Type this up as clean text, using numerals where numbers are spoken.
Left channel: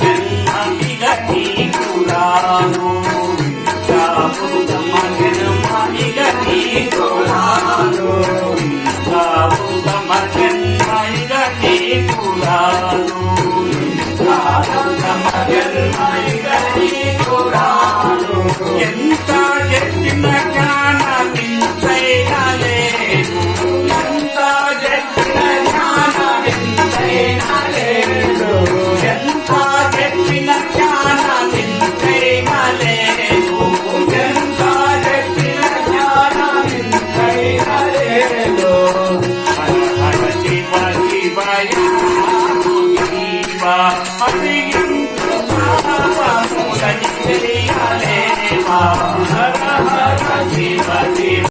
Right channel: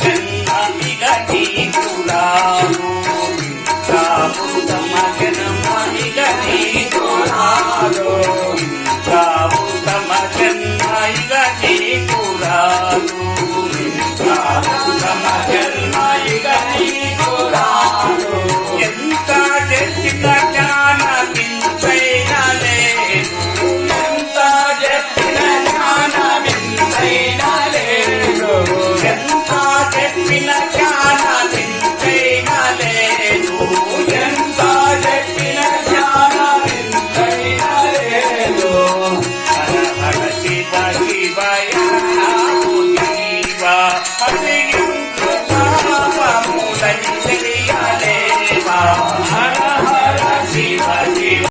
జన్మ ఇక నీకురాను ఉత్తమ జన్మ ఇక నీకురాను ఉత్తమ జన్మ ఇక నీకురాను ఉత్తమ జన్మ ఇక నీకురాను ఎంత చేసిన జ్ఞాన వింతైన లేదు ఎంత చేసిన జ్ఞాన వింతైన లేదు ఎంత చెప్పిన జ్ఞాన వింతైన లేదు ఎంత చెప్పిన జ్ఞాన వింతైన లేదు హర హర శివ శివయ హరించు పాపములని తెలియలేవా హర హర శివ శివ